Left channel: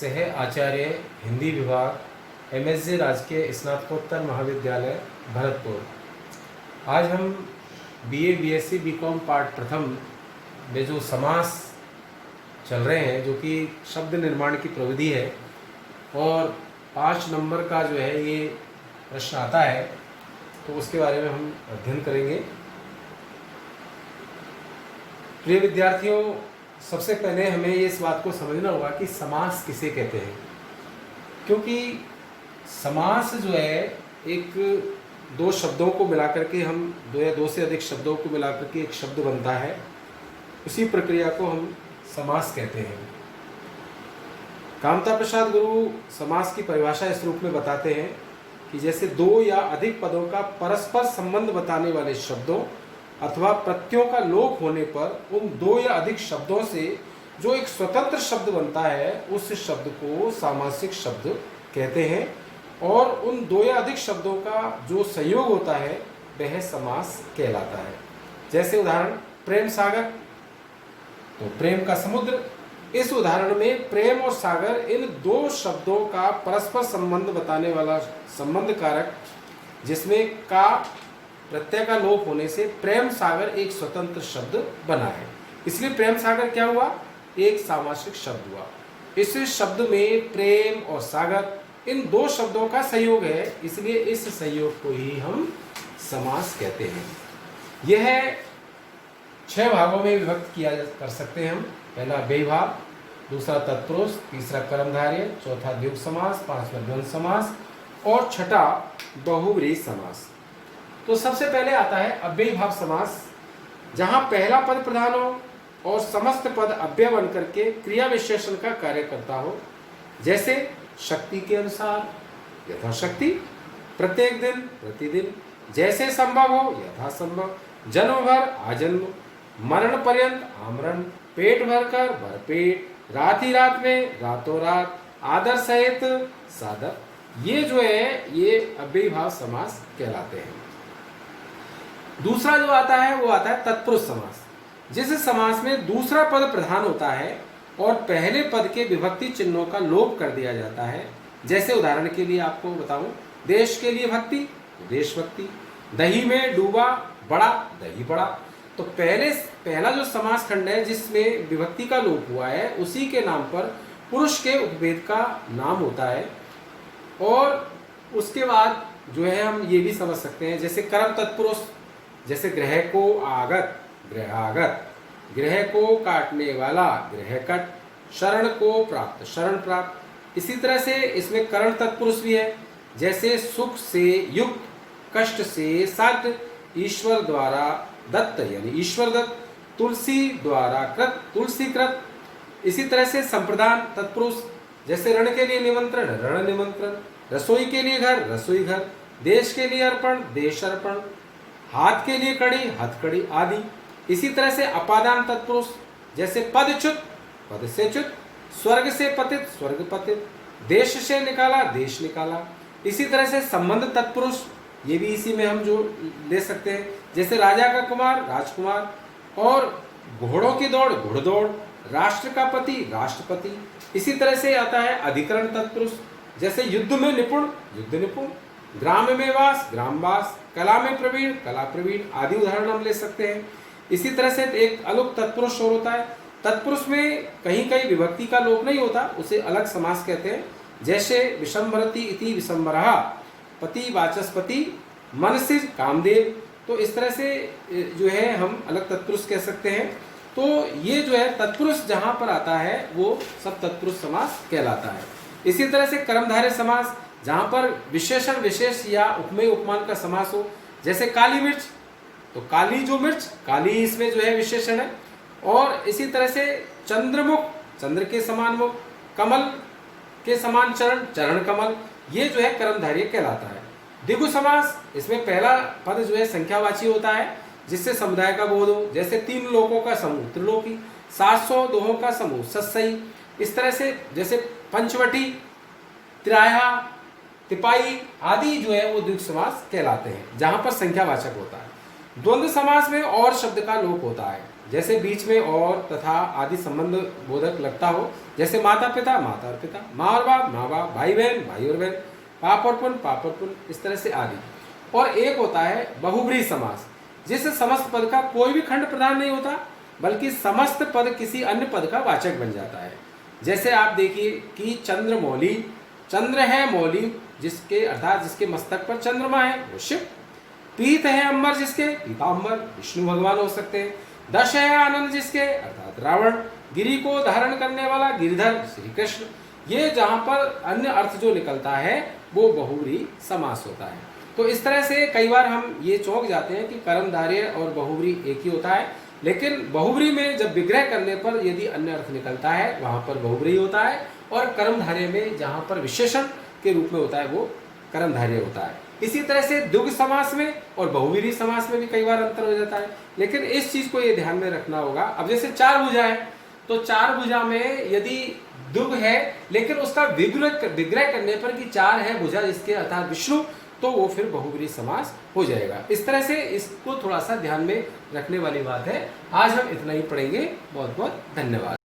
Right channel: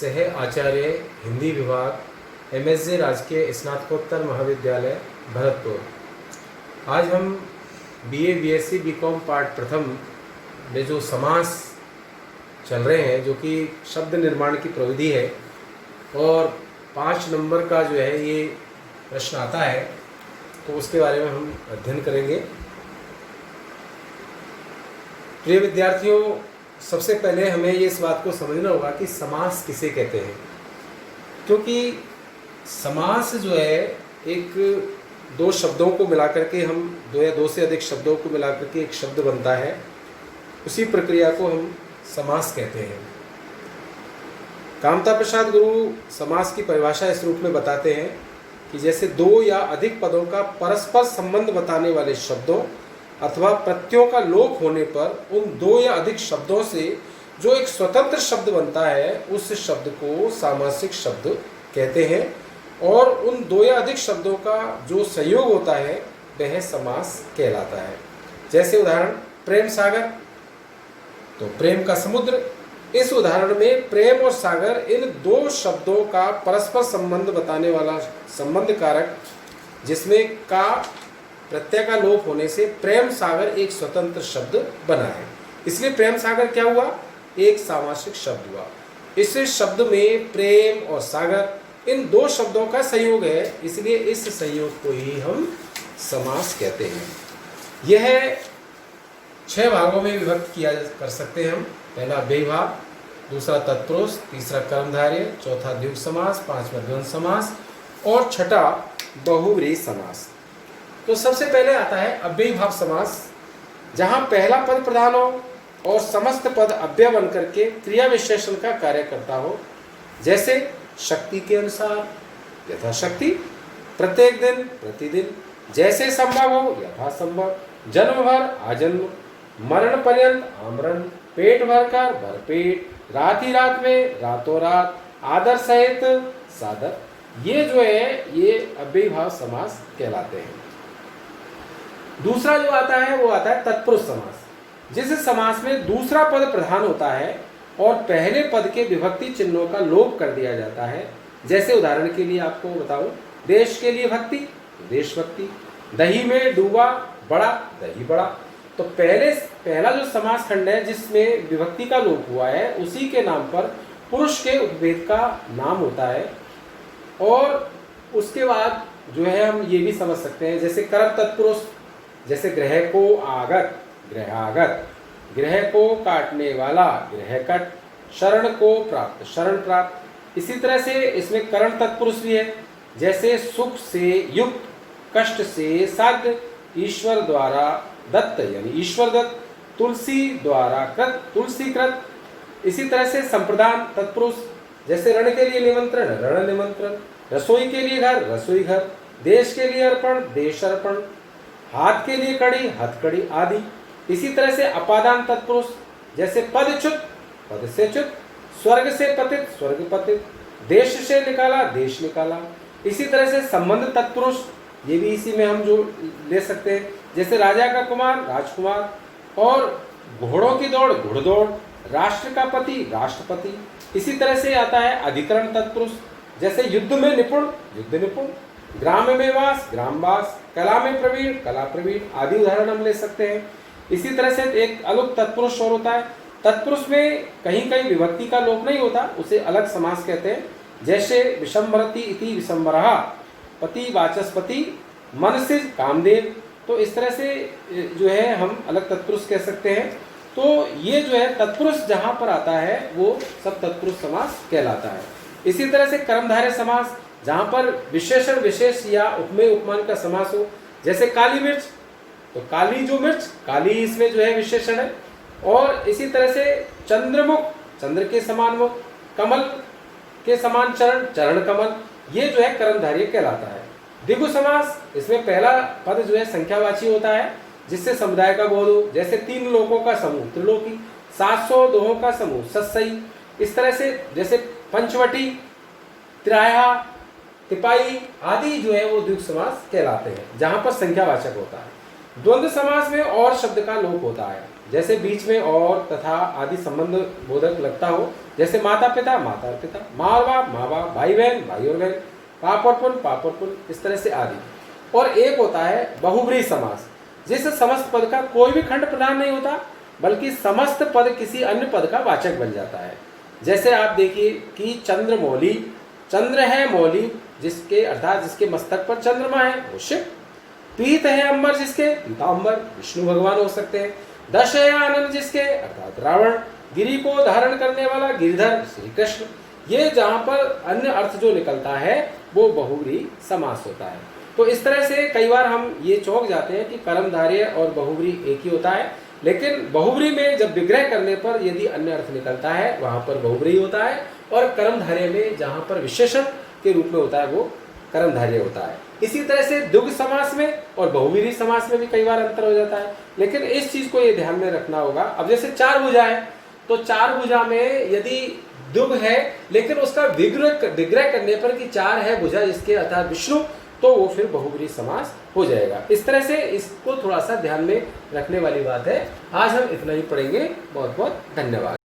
सह आचार्य हिंदी विभाग MSJ राजकीय स्नातकोत्तर महाविद्यालय भरतपुर। आज हम BA BSc BCom पार्ट प्रथम में जो समास चल रहे हैं, जो कि शब्द निर्माण की प्रविधि है, और 5 नंबर का जो है ये प्रश्न आता है, तो उसके बारे में हम अध्ययन करेंगे। प्रिय विद्यार्थियों, सबसे पहले हमें इस बात को समझना होगा कि समास किसे कहते हैं, क्योंकि समास जो है एक दो शब्दों को मिलाकर के हम दो या दो से अधिक शब्दों को मिलाकर के एक शब्द बनता है, उसी प्रक्रिया को हम समास कहते हैं। कामता प्रसाद गुरु समास की परिभाषा इस रूप में बताते हैं कि जैसे दो या अधिक पदों का परस्पर संबंध बताने वाले शब्दों अथवा प्रत्ययों का लोप होने पर उन दो या अधिक शब्दों से जो एक स्वतंत्र शब्द बनता है, उस शब्द को सामासिक शब्द कहते हैं, और उन दो या अधिक शब्दों का जो संयोग होता है वह समास कहलाता है। जैसे उदाहरण प्रेम सागर, तो प्रेम का समुद्र। इस उदाहरण में प्रेम और सागर इन दो शब्दों का परस्पर संबंध बताने वाला संबंध कारक, जिसमें का प्रत्यय का लोप होने से प्रेम सागर एक स्वतंत्र शब्द बना है। इसलिए प्रेम सागर क्या हुआ? एक सामासिक शब्द हुआ। इस शब्द में प्रेम और सागर इन दो शब्दों का संयोग है, इसलिए इस संयोग को ही हम समास कहते हैं। यह 6 भागों में विभक्त किया कर सकते हैं हम। पहला अव्ययीभाव, दूसरा तत्पुरुष, तीसरा कर्मधारय, चौथा द्विगु समास, पांचवा द्वंद्व समास और छठा बहुव्रीहि समास। तो सबसे पहले आता है अव्ययीभाव समास, जहां पहला पद प्रधान हो और समस्त पद अव्यय बन करके क्रिया विशेषण का कार्य करता हो। जैसे शक्ति के अनुसार यथाशक्ति, प्रत्येक दिन प्रतिदिन, जैसे संभव हो यथासंभव, जन्म भर आजन्म, मरण पर्यंत आमरण, पेट भरकर भरपेट, रात ही रात में रातों रात, आदर सहित सादर। ये जो है ये अव्ययीभाव समास कहलाते हैं। दूसरा जो आता है वो आता है तत्पुरुष समास, जिस समास में दूसरा पद प्रधान होता है और पहले पद के विभक्ति चिन्हों का लोप कर दिया जाता है। जैसे उदाहरण के लिए आपको बताऊं, देश के लिए भक्ति, देशभक्ति, दही में डूबा बड़ा, दही बड़ा। तो पहला जो समास खंड है जिसमें विभक्ति का लोप हुआ है, उसी के नाम पर पुरुष के उपभेद का नाम होता है। और उसके बाद जो है हम ये भी समझ सकते हैं, जैसे कर्म तत्पुरुष, जैसे ग्रह को आगत, ग्रहागत, ग्रह को काटने वाला, ग्रहकट, शरण को प्राप्त, शरण प्राप्त। इसी तरह से इसमें करण तत्पुरुष भी है, जैसे सुख से युक्त, कष्ट से साध्य, ईश्वर द्वारा दत्त यानी ईश्वर दत्त, तुलसी द्वारा कृत, तुलसी कृत। इसी तरह से संप्रदान तत्पुरुष, जैसे रण के लिए निमंत्रण, रण निमंत्रण, रसोई के लिए घर, रसोई घर, देश के लिए अर्पण, देश अर्पण, हाथ के लिए कड़ी, हथकड़ी आदि। इसी तरह से अपादान तत्पुरुष, जैसे पदच्युत, पद से च्युत, स्वर्ग से पतित, स्वर्ग पतित, देश से निकाला, देश निकाला। इसी तरह से संबंध तत्पुरुष, ये भी इसी में हम जो ले सकते हैं, जैसे राजा का कुमार, राजकुमार, और घोड़ों की दौड़, घुड़दौड़, राष्ट्र का पति, राष्ट्रपति। इसी तरह से आता है अधिकरण तत्पुरुष, जैसे युद्ध में निपुण, युद्ध निपुण, ग्राम में वास, ग्रामवास, कला में प्रवीण, कला प्रवीण आदि उदाहरण हम ले सकते हैं। इसी तरह से एक अलग तत्पुरुष और होता है। तत्पुरुष में कहीं कहीं विभक्ति का लोप नहीं होता, उसे अलग समास कहते हैं। जैसे विशंभरति इति विशंभरः, पति वाचस्पति, मनसिज कामदेव। तो इस तरह से जो है हम अलग तत्पुरुष कह सकते हैं। तो ये जो है तत्पुरुष जहां पर आता है वो सब तत्पुरुष समास कहलाता है। इसी तरह से कर्मधारय समास, जहां पर विशेषण विशेष या उपमेय उपमान का समास हो। जैसे काली मिर्च, तो काली जो मिर्च, काली इसमें जो है विशेषण है। और इसी तरह से चंद्रमुख, चंद्र के समान मुख, कमल के समान चरण, चरण कमल, ये जो है कर्मधारय कहलाता है। द्विगु समास, इसमें पहला पद जो है संख्यावाची होता है, जिससे समुदाय का बोध हो। जैसे 3 लोकों का समूह त्रिलोकी, 700 दोहों का समूह सत्सई। इस तरह से जैसे पंचवटी, त्राया, तिपाई आदि जो है वो द्विगु समास कहलाते हैं, जहां पर संख्यावाचक होता है। द्वंद्व समास में और शब्द का लोप होता है। जैसे बीच में और तथा आदि संबंध बोधक लगता हो, जैसे माता पिता माता और पिता, माँ और बाप माँ बाप, भाई बहन भाई और बहन, पाप और पुण्य, इस तरह से आदि। और एक होता है बहुब्रीहि समास, जिससे समस्त पद का कोई भी खंड प्रधान नहीं होता, बल्कि समस्त पद किसी अन्य पद का वाचक बन जाता है। जैसे आप देखिए कि चंद्रमौली, चंद्र है मौली जिसके अर्थात जिसके मस्तक पर चंद्रमा है वो शिव, पीत है अंबर जिसके पीतांबर विष्णु भगवान हो सकते हैं, दश है आनंद जिसके अर्थात रावण, गिरि को धारण करने वाला गिरिधर श्री कृष्ण। ये जहां पर अन्य अर्थ जो निकलता है वो बहुब्रीहि समास होता है। तो इस तरह से कई बार हम ये चौंक जाते हैं कि कर्मधारय और बहुब्रीहि एक ही होता है, लेकिन बहुब्रीहि में जब विग्रह करने पर यदि अन्य अर्थ निकलता है वहां पर बहुब्रीहि होता है, और कर्मधारय में जहां पर विशेषण के रूप में होता है वो कर्मधारय होता है। इसी तरह से द्विगु समास में और बहुब्रीहि समास में भी कई बार अंतर हो जाता है, लेकिन इस चीज को ये ध्यान में रखना होगा। अब जैसे चार भुजा है, तो चार भुजा में यदि दुग है लेकिन उसका विग्रह करने पर कि चार है भुजा जिसके अर्थात विष्णु, तो वो फिर बहुब्रीहि समास हो जाएगा। इस तरह से इसको थोड़ा सा ध्यान में रखने वाली बात है। आज हम इतना ही पढ़ेंगे। बहुत बहुत धन्यवाद।